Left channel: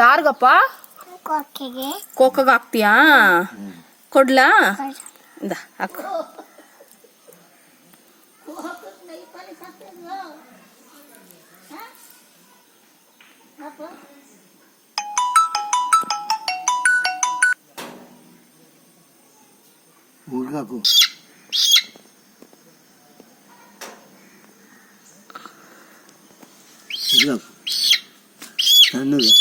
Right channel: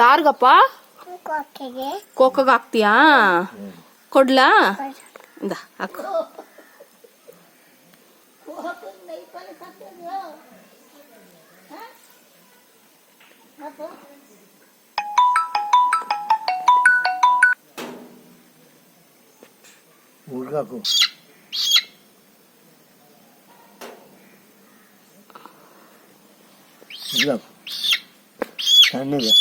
ಯಾರಿಗಪ್ಪ? ಕೋಕಗೆ ಹಾಕ್ತೀಯಾ? ಕೊಡ್ಲಾ? ಇಂದ ಹಾಕು. ಹುಡುಗಾಕು ಸಣ್ಣಗೆ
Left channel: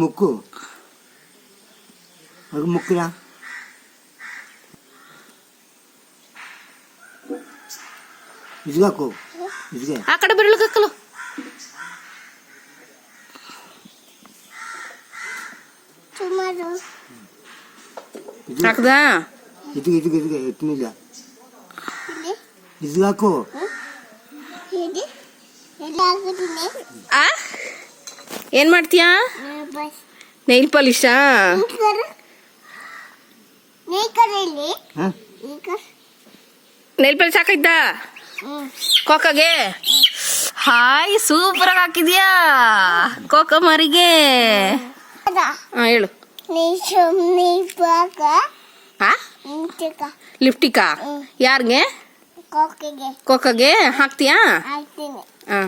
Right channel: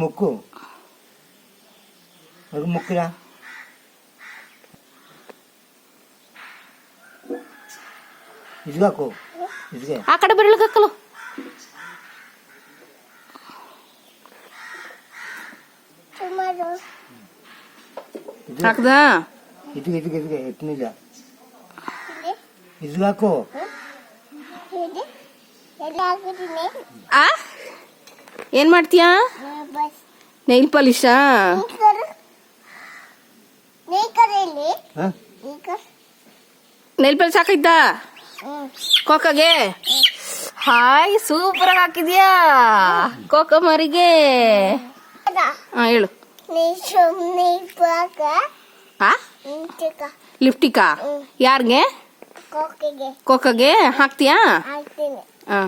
ಮುಕ್ಕು ಅದು ಮುಕ್ಕಿರ ಇದ್ಗಾಕು ಇದ್ಗೆ ಆ ಕಡೆ ಬೆರಳಿಗೆ ಹಾಕದ ಇದಕ್ಕೆ ಇದಕ್ಕೆ ಇದಕ್ಕೆ ಎತ್ತನಿಲ್ಲ ಇದ್ಗಾಕು ಆ ಏನ್ ಮಾಡ್ತೀಯಾ? ನೈಲ್ ಪಾಲಿಶಾ? ನೈಲ್ ಪಾಲಿಶ್ ಹಾಕಿದ್ದ ಕೋಕಗೆ? ಹಾಯ್, ಸೂಪರ್ ಆಗಿ ಹಾಕಿದ್ಯಾ ಕೋಕ ಮರಿಗೆ. ಹಾ ಹೇಳು. ಲಿಫ್ಟಿಕಾ? ಯಾರಿಗೆ? ಕೋಕಗೆ ಹಾಕ್ತೀಯಾ? ಹಾ.